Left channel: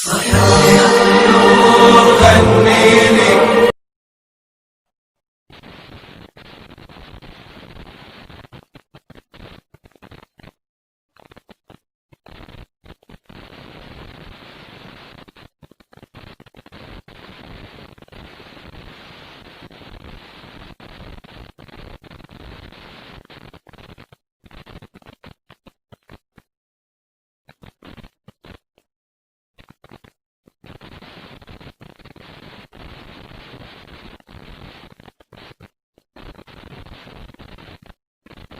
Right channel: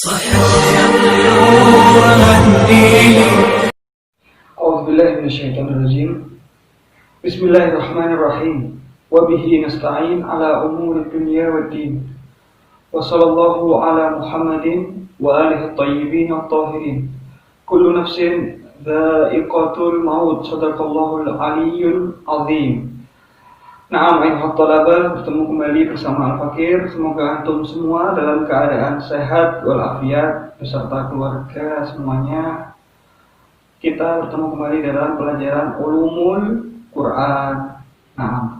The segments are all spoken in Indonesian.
A'udzubillahiminasyaitonirrajim. Bismillahirrahmanirrahim. Wa bihi nasta'in ala umuri dunya waddin. Wa sallallahu ala Muhammadin wa alihi thayyibin at-tahirin. Kullu nafsin dha'iqatul maut. Shadaqallahul aliyyul azim. Na'am ayuhat talabah, bertemu kembali bersama Al-Fakir. Semoga antum semua dalam keadaan sehat walafiat beserta keluarga semuanya. Kita bertemu kembali dalam pelajaran Ulumul Quran. Nah,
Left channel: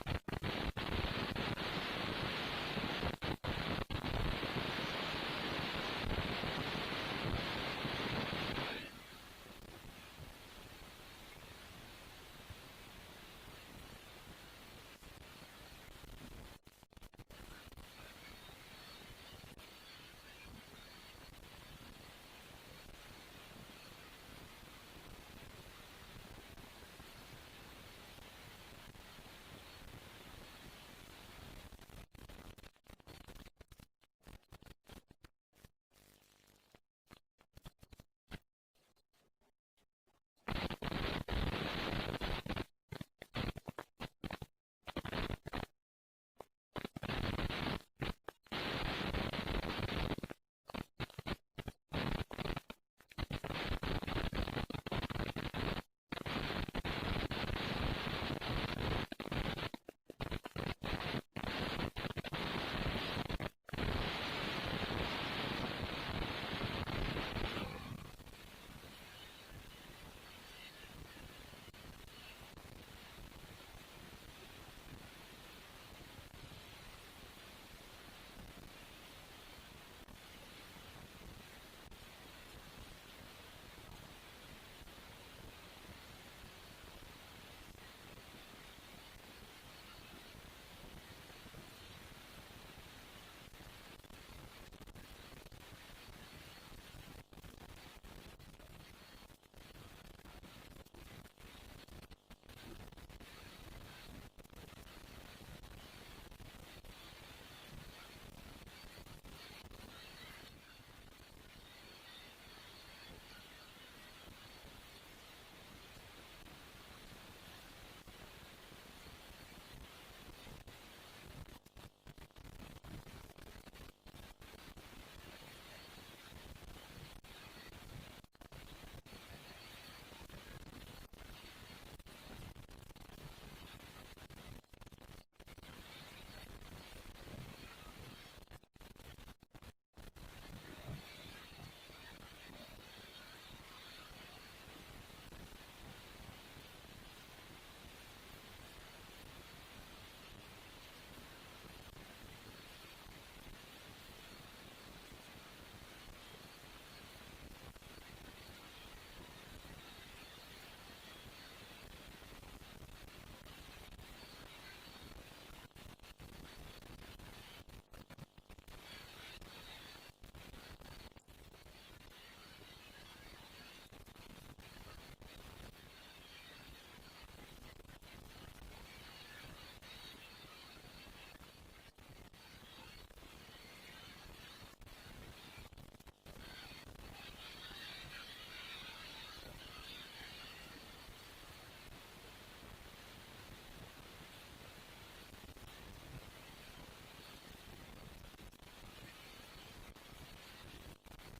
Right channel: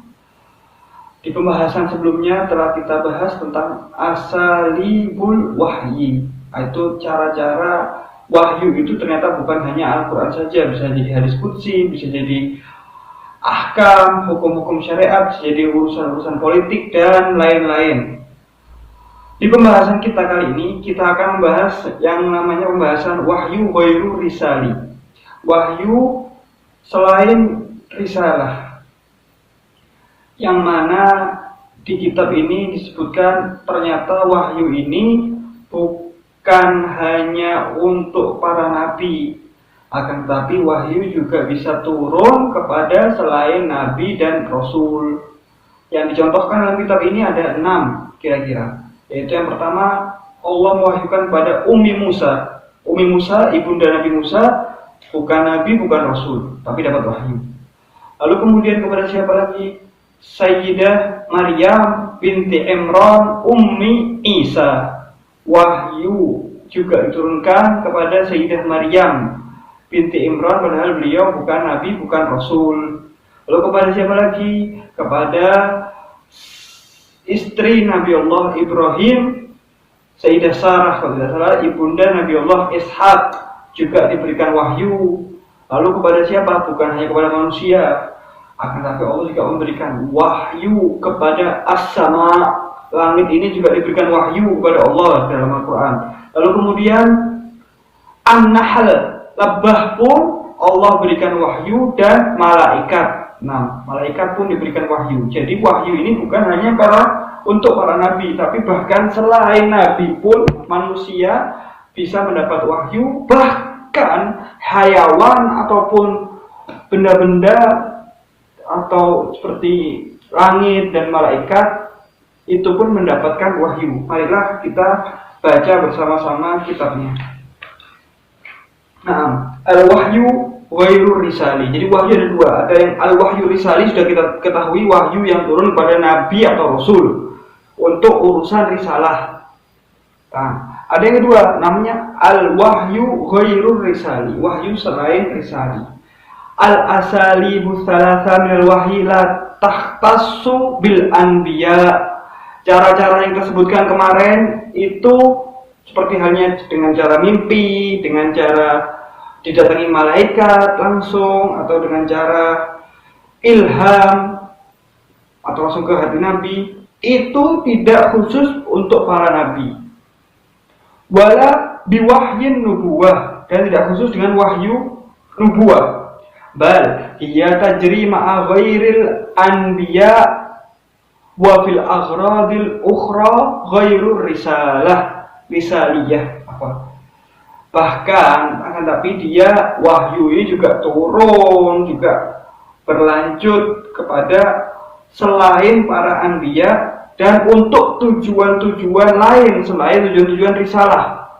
di pembahasan sebelumnya telah kita bahas tentang asalibul wahyi, yaitu cara-cara wahyu itu ternyata bukan hanya Al-Quran saja, bisa jadi hadis qudsi, bisa jadi ahkam, hukum-hukum syariat, bisa jadi urusan-urusan politik dan lain-lain. Di pembahasan kita kali ini kita akan membahas yang namanya pembahasan wahyu ghairu risali. Wahyu selain risalah, yang mana di kitab ini disebutkan ternyata wahyu ini bukan hanya untuk para nabi, akan tetapi wahyu juga bisa turun kepada selain nabi dan rasul. Yang dicontohkan dalam kitab ini ada 6 kira-kira, yaitu yang pertama Allah mewahyukan kepada Ummi Musa. Ummi Musa, ibunda Nabi Musa, bukan nabi, bukan rasul, tapi dapat wahyu. Lalu kemudian kepada siapa lagi? Sayyidah Maryam binti Imran Ummi Isa. Wahyu juga diturunkan kepada Sayyidah Maryam binti Imran, padahal beliau bukan nabi, bukan rasul. Lalu kepada siapa lagi? Kepada istri Nabi Allah Ibrahim, Sayyidah Sarah, kalau tidak salah, ibunda Nabi Allah Ishak, juga diberikan wahyu. Lalu kepada siapa? Bukan hanya kepada manusia, akan tetapi Allah juga memberikan wahyu kepada as-sama. Langit ini juga diberikan wahyu kepada Allah dalam Al-Quran. Lalu kemudian An-Nahl, lebah pun Allah berikan wahyu, dan malaikat. Nah, malaikat pun diberikan wahyu. Jadi wahyu ini bukan hanya untuk para nabi, tapi bahkan selain nabi pun manusia bisa mendapat wahyu, bahkan hayawan ataupun benda-benda atau seperti langit dan malaikat itu pun mendapatkan wahyu. Marilah kita baca bersama-sama kitabnya. Nah, al-wahyu ghairu risali. Jadi wahyu ada 2. Ada yang al-wahyu risali, sudah kita ketahui, wahyu yang turun pada nabi atau rasul untuk urusan risalah. Nah, ada yang kedua, namanya al-wahyu ghairu risali, wahyu selain risali. Al-asalibu thalatha minal wahyi la takhtassu bil anbiya. Cara-cara yang tersebutkan kemarin itu seperti halnya dengan cara mimpi, dengan cara didatangi malaikat langsung, atau dengan cara ilham atau langsung ke hati nabi, itu tidak khusus untuk para nabi. Wala biwahyin nubuwah, dan tidak khusus dengan wahyu nubuwah. Bal hiya tajri ma'a ghairil anbiya wa fil aghradil ukhra ghairu risaliyah. Bahkan tapi dia wahyu ini juga turun, juga berlanjut kepada selain para anbiya, dan untuk tujuan-tujuan lain selain tujuan-tujuan risalah.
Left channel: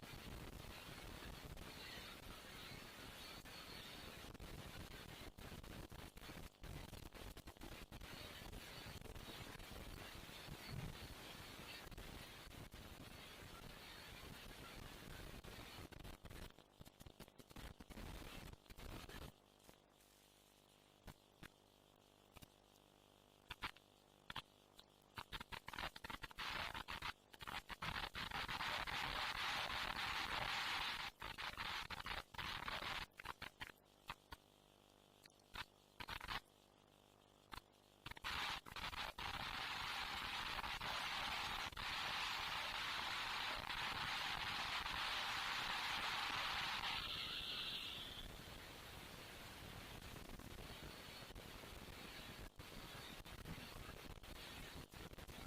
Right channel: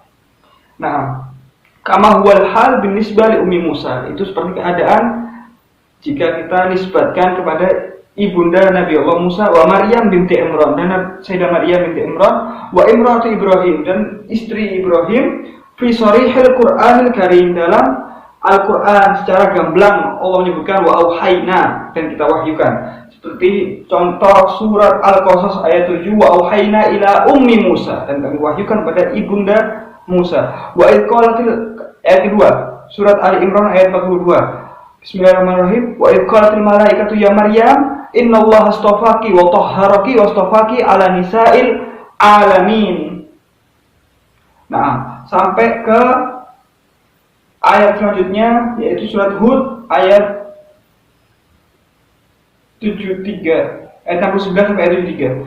Nah, kama huwal hal binisbah li Ummi Musa, itu seperti keadaan jika kita nisbatkan kepada ibunda Nabi Allah Musa, wa Maryam binti Imran, dan Sayyidah Maryam binti Imran, wa imratu Ibrahim, dan istri Ibrahim, fi sharihil Qur'anil Karim, dalam Al-Quran secara gamblang Allah menyebutkan wa auhayna, dan kita wahyukan. Seperti contoh surat Al-Qasas ayat 7, wa auhayna ila ummi Musa, dan kami wahyukan pada ibunda Musa. Wa idh qalatil, ayat kedua, surat Ali Imran ayat 42. Bismillahirrahmanirrahim. Wa idh qalatil malaikatu ya Maryam innallaha astafaki wa tahharaki wa astafaki ala nisa'il alamin. Nah, sampai ke ayat selanjutnya, yaitu surat Hud ayat 73, ayat 69 sampai ayat 73,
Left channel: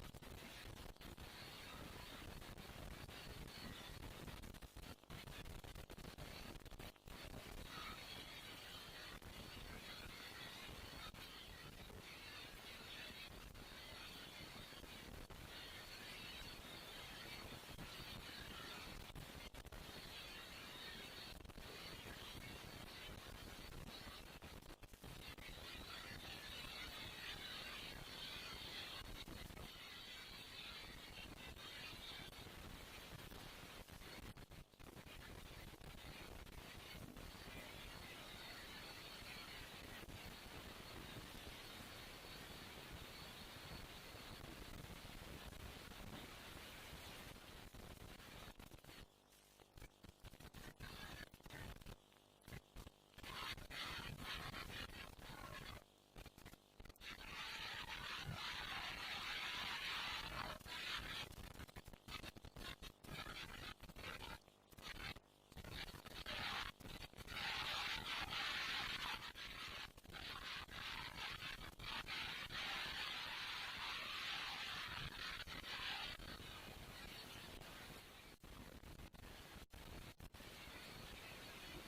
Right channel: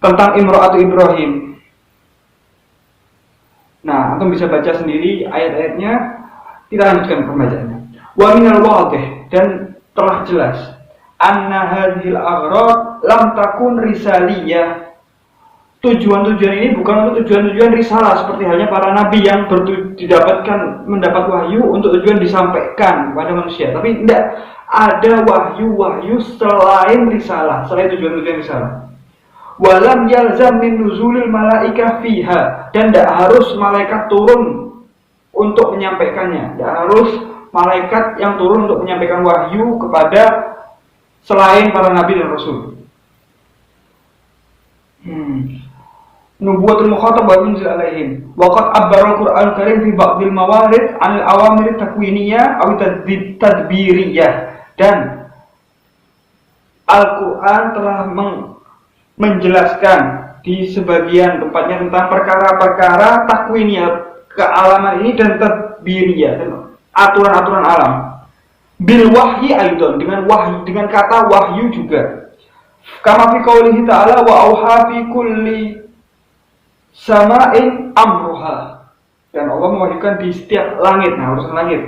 tentang imra'atu Ibrahim. Nah, antum bisa baca sendiri ayat-ayatnya. Kita lanjutkan pembacaannya. Wa minal wadih, dan telah jelas anna hadhil aghrad lam takun risaliyah. Tujuan-tujuan ini bukan untuk tujuan-tujuan risalah seperti halnya para nabi yang mendapat wahyu untuk tujuan disampaikan kepada manusia. Tapi tidak ada wahyu-wahyu selain risalah, selain tujuan-tujuan risalah. Walam yalzam min nuzulil malaikah fiha, dan tidak harus malaikat turun untuk menyampaikannya. Tidak harus malaikat yang turun untuk menyampaikan wahyu kepada selain para nabi dan rasul. Nubuwatul mukhatab wa munzil alaihim. Wa qad abbara al-Qur'an Karim fi ba'dil mawarid 'anil awamir takwiniyah aw tadbiriyah. Dan Al-Qur'an telah menjelaskan di sebagian tempatnya tentang perkara-perkara takwiniyah, kealaman ini, dan tadbiriyah, aturan-aturan alam. Bil wahyi aidan, dengan kata wahyu juga. Kama fi qaulihi ta'ala wa auha fi kulli sama'in amruha. Dan Allah mewahyukan di setiap langit, urusan langit.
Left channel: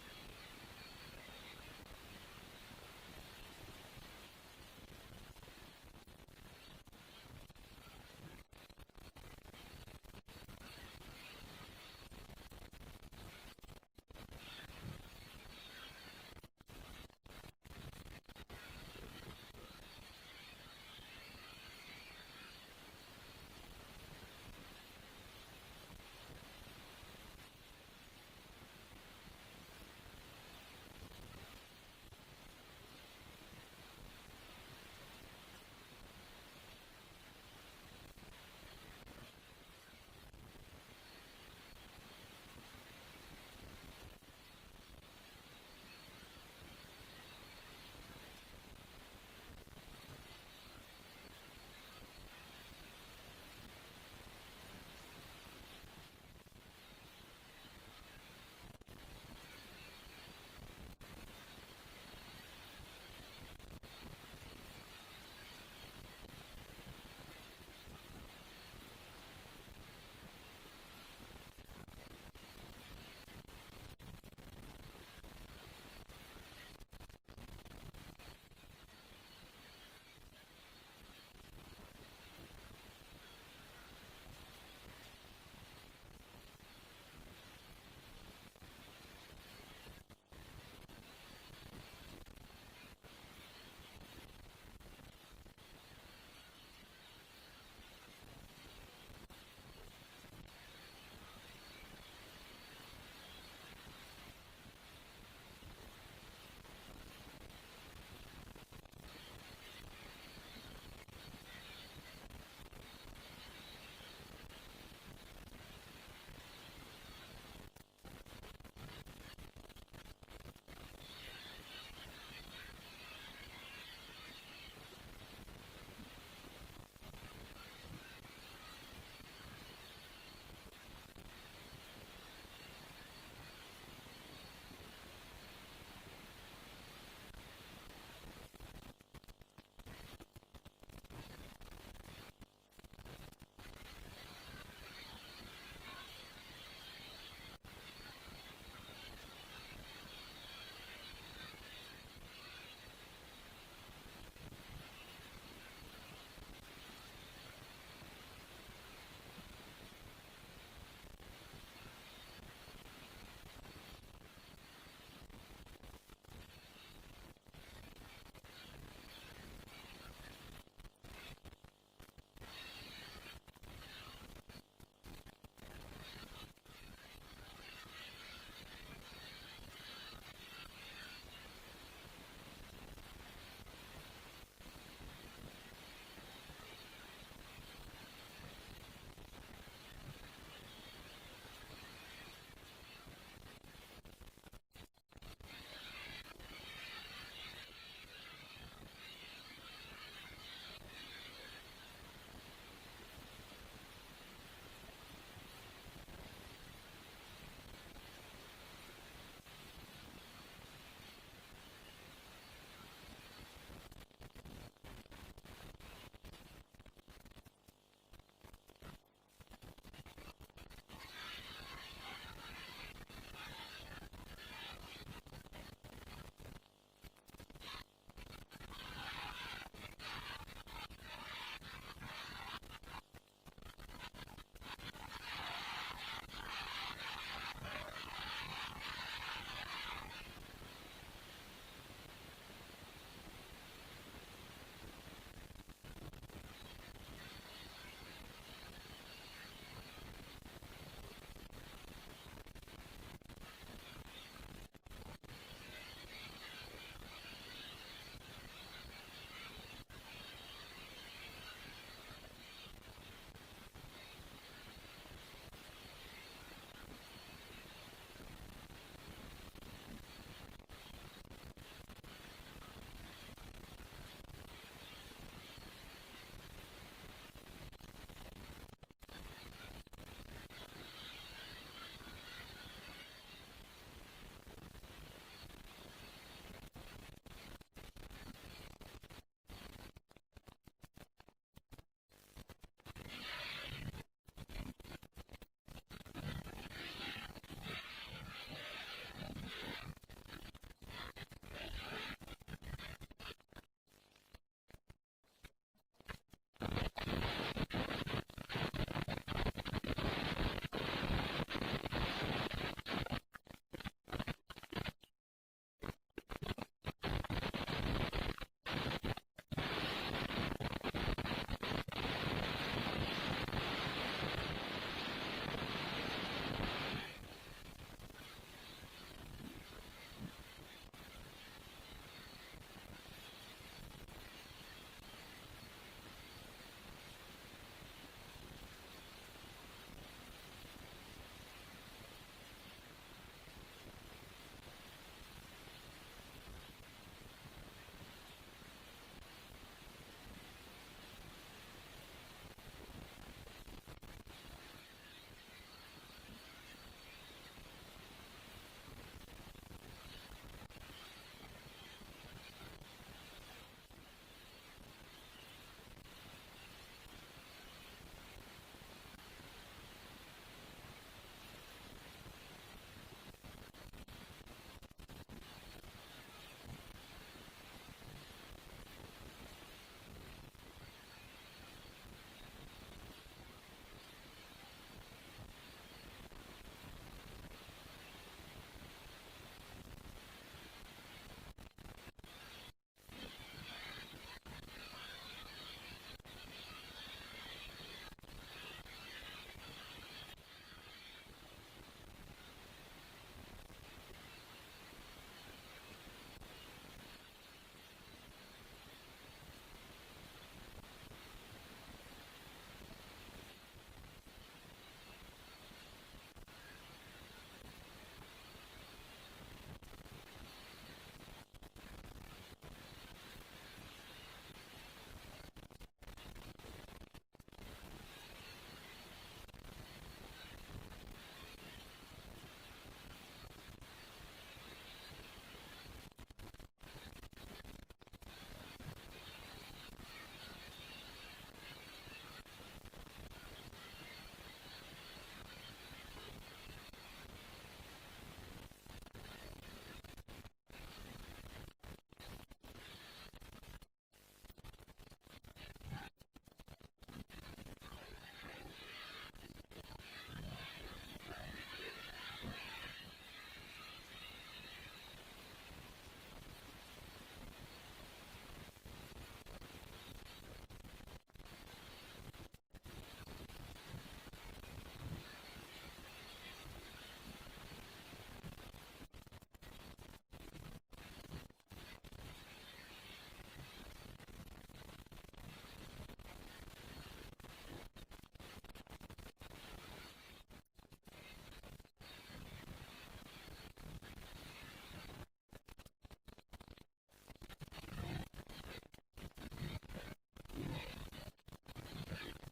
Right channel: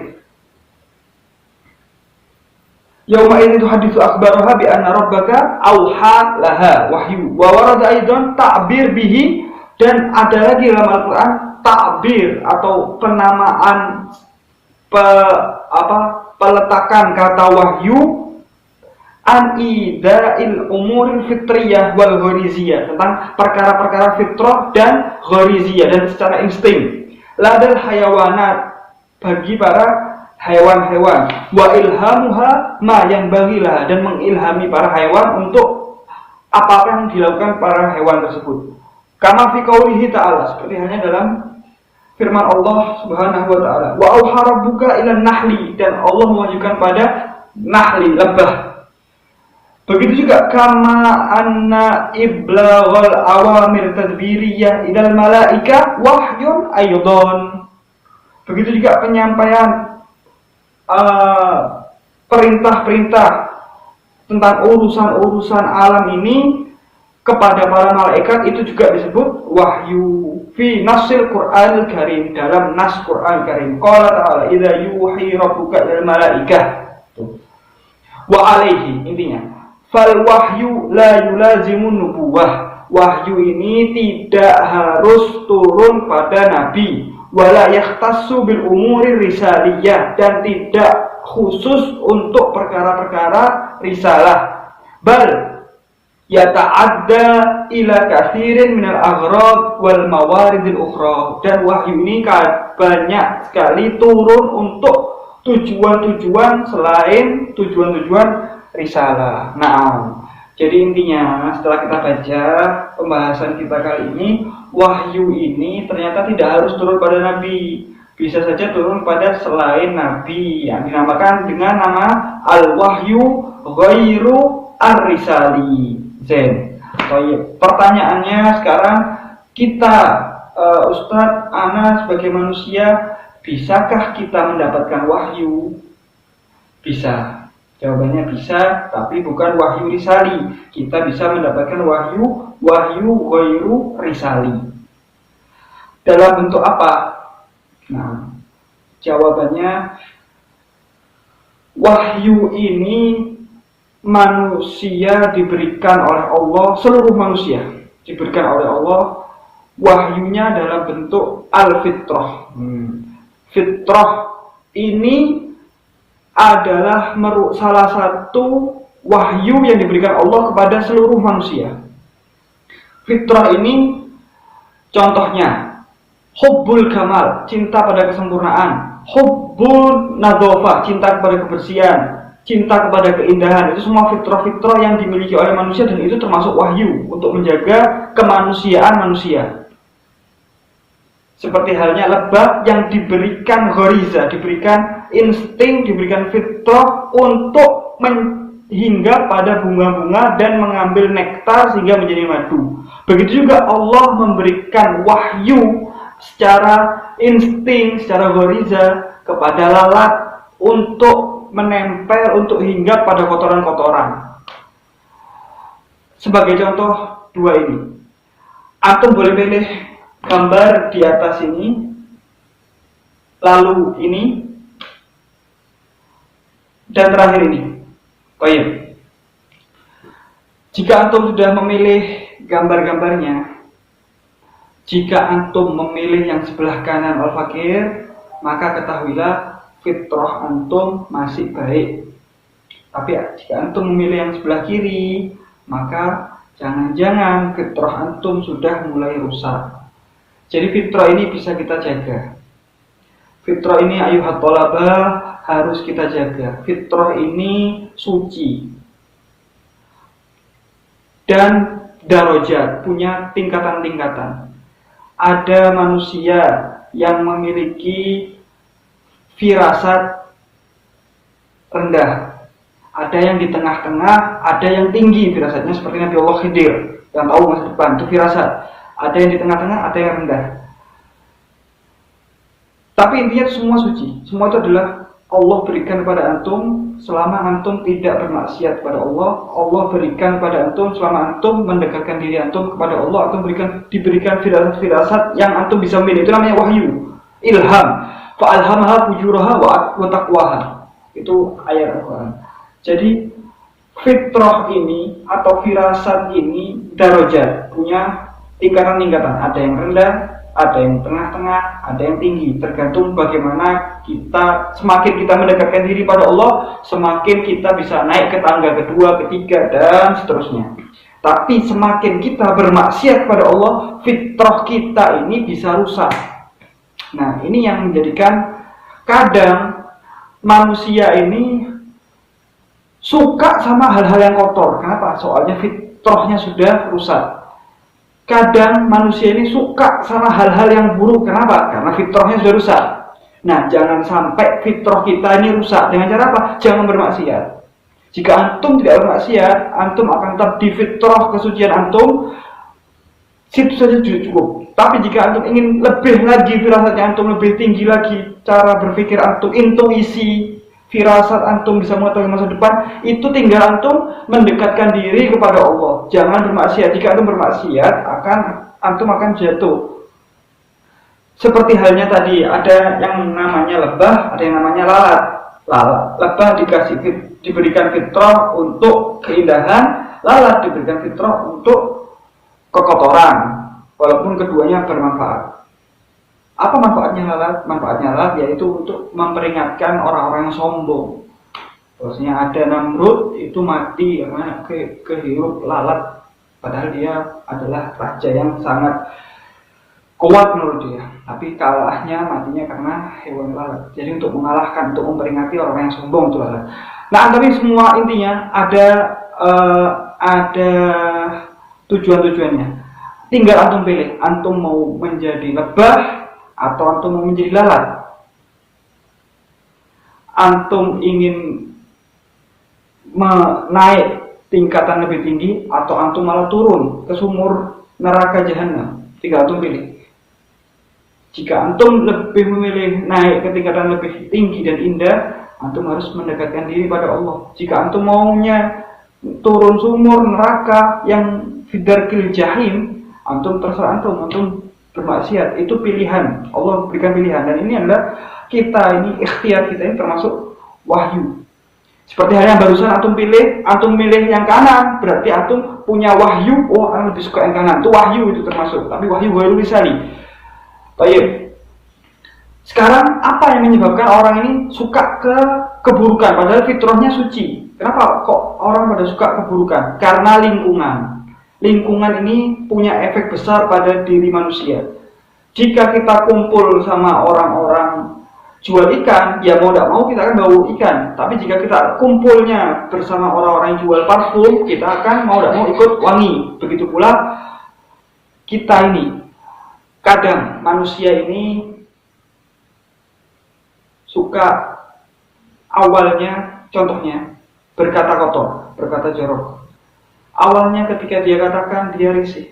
Yauma idzin tuhaditsu akhbaraha bi anna rabbaka auha laha wahyu. Wa warada aidan ta'bir bihi, dan ada lagi dalam Al-Qur'an ta'bir atau penamaan peletakan kata wahyu an ida'il umuril fitriyah wal ghariziyah, tentang perkara-perkara fitrah dan ghariziyah, dan secara insting, ladal hayawanat, bagi para hewan-hewan, wa ilhamuha ma yang bagilah, dan mengilhami para hewan untuk apa yang dilakukan para hewan tersebut. Kama fi qaulihi ta'ala, seperti halnya dalam firman Allah Subhanahu wa taala, wa auha rabbuka ilan nahli, dan Allah mewahyukan pada nahli, lebah. Begitu juga kama anna iblaghal awamir tadbiriyah ilal malaika wahyun aydon. Begitu juga penyampaian perintah-perintah tentang urusan-urusan alam ini kepada para malaikat, itu juga disebut wahyu. Fi nasil Qur'anil Karim, dalam nas Qur'an Karim, qala ta'ala idza yuhi rabbuka ilal malaikah wa alaihi, intinya fal wahyu la yulazimun nubuwah. Wahyu ini tidak harus turun pada nabi, wala yakhtassu bil umuri risaliyah, dan tidak khusus untuk perkara-perkara risalah. Bal yata'adda ila katsirin minal aghrad wal mawaridil ukhra, dan wahyu ini banyak sekali turun untuk tujuan-tujuan selain tujuan-tujuan risalah. Nah, jadi intinya setelah kita baca pembahasan kita kali ini, wahyu ini ternyata tidak harus turun pada nabi, bisa saja turun pada selain nabi, yang dinamakan dengan nama al-wahyu ghairu ar-risali. Pertanyaannya sekarang, kita Ustadz, ana sebagai manusia, bisakah kita mendapatkan wahyu? Bisa. Jawabannya bisa, tapi bukan wahyu risali. Kita bisa mendapatkan wahyu ghairu risali. Dalam bentuk apa? Nah, jawabannya, wahyu ini manusia diberikan oleh Allah, seluruh manusia diberikan oleh Allah wahyunya dalam bentuk al-fitrah. Fitrah ini adalah salah satu wahyu yang diberikan Allah kepada seluruh manusia. Fitrah ini contohnya hubbul kamal, cinta pada kesempurnaan, hubbul nadhafah, cinta kepada kebersihan, cinta kepada keindahan. Itu semua fitrah-fitrah yang dimiliki oleh manusia, dan itu termasuk wahyu untuk menjaga kemanusiaan manusia. Seperti halnya lebah yang diberikan ghariza, diberikan insting, diberikan fitrah untuk hinggap pada bunga-bunga dan mengambil nektar sehingga menjadi madu. Begitu juga Allah memberikan wahyu secara insting, secara ghariza kepada lalat untuk menempel, untuk hinggap pada kotoran-kotoran. Sebagai contoh dua ini, antum boleh pilih gambar di atas ini, lalu ini, dan terakhir ini. Baik. Jika antum sudah memilih gambar-gambarnya, jika antum memilih yang sebelah kanan al-fakir, maka ketahuilah fitrah antum masih baik. Tapi jika antum memilih yang sebelah kiri, maka jangan-jangan fitrah antum sudah mulai rusak. Jadi fitrah ini bisa kita jaga. Fitrah ini ayuhat thalabah harus kita jaga. Fitrah ini suci dan darajat, punya tingkatan-tingkatan. Ada manusia yang memiliki firasat rendah, ada yang di tengah-tengah, ada yang tinggi firasatnya seperti Nabi Allah Khidir yang tahu masa depan, itu firasat. Ada yang di tengah-tengah, ada yang rendah. Tapi intinya semua suci. Semua itu adalah Allah berikan kepada antum selama antum tidak bermaksiat kepada Allah. Allah berikan kepada antum selama antum mendekatkan diri antum kepada Allah. Antum diberikan firasat yang antum bisa memilih. Itu namanya wahyu, ilham. Fa'alhamaha fujuraha wa taqwaha. Itu ayat Al-Quran. Jadi fitrah ini atau firasat ini darajat, punya tingkatan-tingkatan. Ada yang rendah, ada yang tengah-tengah, ada yang tinggi. Tergantung bagaimana kita, semakin kita mendekatkan diri pada Allah, semakin kita bisa naik ke tangga kedua, ketiga, dan seterusnya. Tapi semakin kita bermaksiat pada Allah, fitrah kita ini bisa rusak. Nah, ini yang menjadikan kadang manusia ini suka sama hal-hal yang kotor. Kenapa? Soalnya fitrahnya sudah rusak. Kadang manusia ini suka sama hal-hal yang buruk. Kenapa? Karena fitrahnya sudah rusak. Nah, jangan sampai fitrah kita ini rusak. Dengan cara apa? Jangan bermaksiat. Jika antum tidak bermaksiat, antum akan tetap di fitrah kesucian antum. Situ saja cukup. Tapi jika antum ingin lebih lagi, firasatnya antum lebih tinggi lagi, cara berpikir antum, intuisi, firasat antum bisa mengetahui masa depan, itu tinggal antum mendekatkan diri kepada Allah. Jangan bermaksiat. Jika antum bermaksiat, antum akan jatuh. Seperti halnya tadi, ada yang namanya lebah, ada yang namanya lalat. Lebah diberikan fitrah untuk keindahan, lalat diberikan fitrah untuk kekotoran. Walaupun keduanya bermanfaat. Apa manfaatnya lalat? Manfaatnya lalat yaitu untuk memperingatkan orang-orang yang sombong. Terusnya ada Namrud itu mati karena kehirup lalat. Padahal dia adalah raja yang sangat kuat menurut dia. Tapi kalahnya matinya karena hewan lalat. Jadi untuk mengalahkan, untuk memperingati orang yang sombong itu lalat. Nah, tapi semua intinya ada tujuan-tujuannya. Tinggal antum pilih, antum mau menjadi lebah atau antum mau menjadi lalat. Antum ingin naik tingkatan lebih tinggi atau antum malah turun ke sumur neraka jahanam. Tinggal antum pilih. Jika antum lebih memilih naik ke tingkatan lebih tinggi dan indah, antum harus mendekatkan diri pada Allah. Jika antum maunya turun sumur neraka yang fidarkil jahim, antum terserah antum bermaksiat, itu pilihan. Allah berikan pilihan, dan ini adalah ikhtiar kita ini termasuk wahyu. Seperti halnya barusan antum milih yang kanan, berarti antum punya wahyu. Oh, antum lebih suka yang kanan, itu wahyu, itu termasuk. Tapi wahyu baru lisani. Baik. Sekarang apa yang menyebabkan orang ini suka ke keburukan padahal fitrahnya suci? Kenapa kok orang pada suka keburukan? Karena lingkungan. Lingkungan ini punya efek besar pada diri manusia. Jika kita kumpul sama orang-orang jual ikan, ya mau tidak mau kita akan bau ikan. Tapi jika kita kumpulnya bersama orang-orang yang jual parfum, kita akan mau tidak mau ikut wangi. Begitu pula kita ini. Kadang manusia ini suka awalnya, contohnya, berkata kotor, berkata jorok. Awalnya ketika dia katakan, dia risih.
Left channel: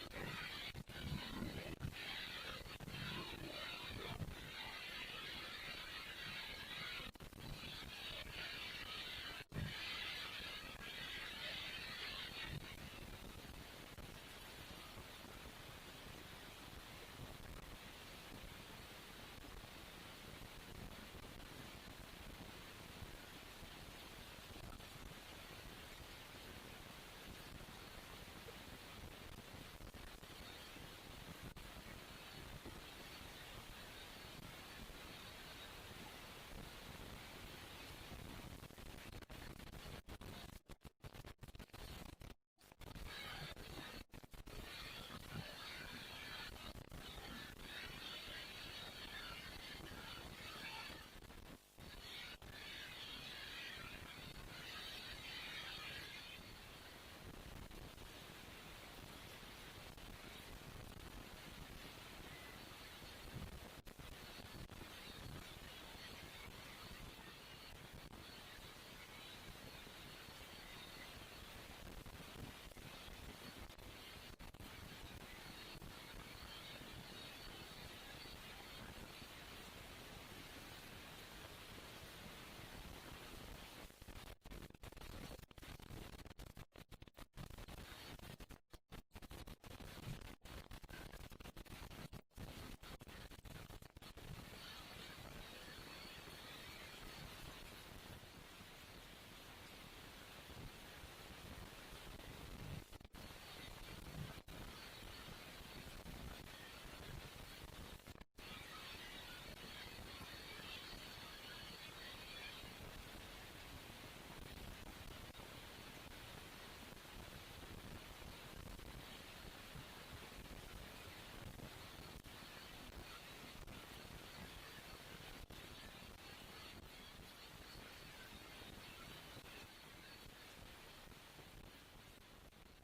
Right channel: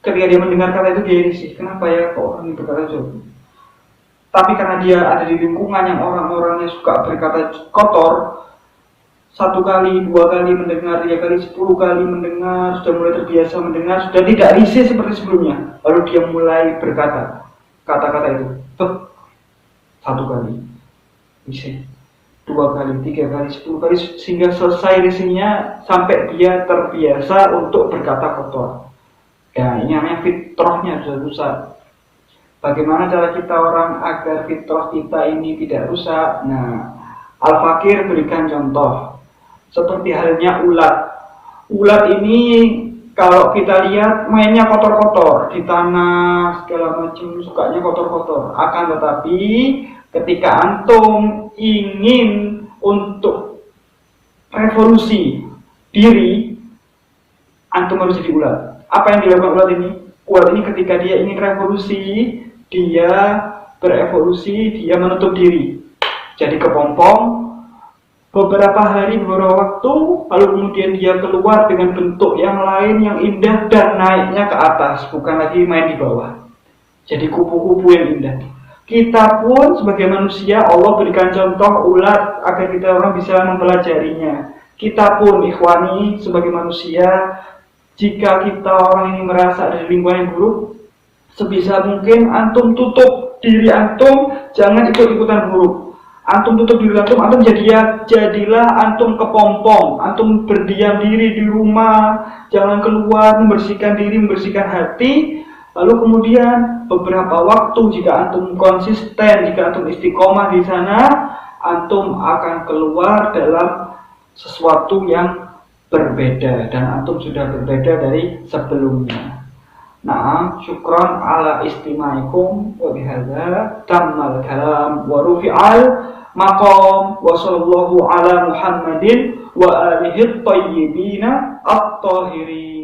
Ketika dia mendengar kata itu, dia risih. Kenapa ya kok orang ini berkata jorok? Tapi karena dia ada di lingkungan yang orang-orangnya suka berkata kotor, 1 kali, 2 kali mendengar, 3 kali, 10 kali mendengar, sudah mulai terbiasa mendengar, sudah tidak risih seperti sebelumnya, lalu dia mulai berkata kata-kata itu, 1 kali risih, 2 kali, 3 kali, 10 kali, sehingga selesai risihnya sampai dia terbiasa untuk berkata kotor. Ya, ini namanya fitrahnya sudah rusak. Bagaimana cara kita orang agar fitrah kita ini tidak rusak? Nah, Al-Fakir berikan contoh. Seperti halnya ulat. Ulat ini kalau kita lihat mainnya kotor-kotor, di tanah segala macam, sukanya kotor-kotor. Akan tetapi ketika antum ingin untuk revolusi diri, antum harus jadi ulat. Apa yang dilakukan ulat ini? Ulat ini ketika dia ingin revolusi, dia berevolusi, dia menutup diri, jadi kepompong beberapa hari, beberapa waktu, lalu kemudian dia keluar dengan bentuk yang lain yang indah dan naiknya ke atas, bukan lagi main di bawah, jadi kupu-kupu yang indah. Kita pun sebagai manusia, Allah berikan contoh ulat agar kita orang bisa mempelajarinya. Kita pun ikhwani sebagai manusia, jika kita orang ini merasa ada lingkungan yang buruk, sebisa mungkin antum tutup diri antum, jangan ikut-ikutan buruk. Antum tutup diri antum jadilah antum kepompong, antum berdiam diri di rumah, jangan keluar, membersihkan diri, membersihkan hati. Lalu kemudian beberapa waktu jika antum konsisten, jika antum istiqomah di sana, antum akan keluar dalam sesuatu yang berbeda dan antum sudah berbeda dari sebelumnya. Nah, syukran ala istimaikum wa bihadza tammal kalam wa rufi'al maqam wa sallallahu ala Muhammadin wa alihi at-tayyibin at-tahirin.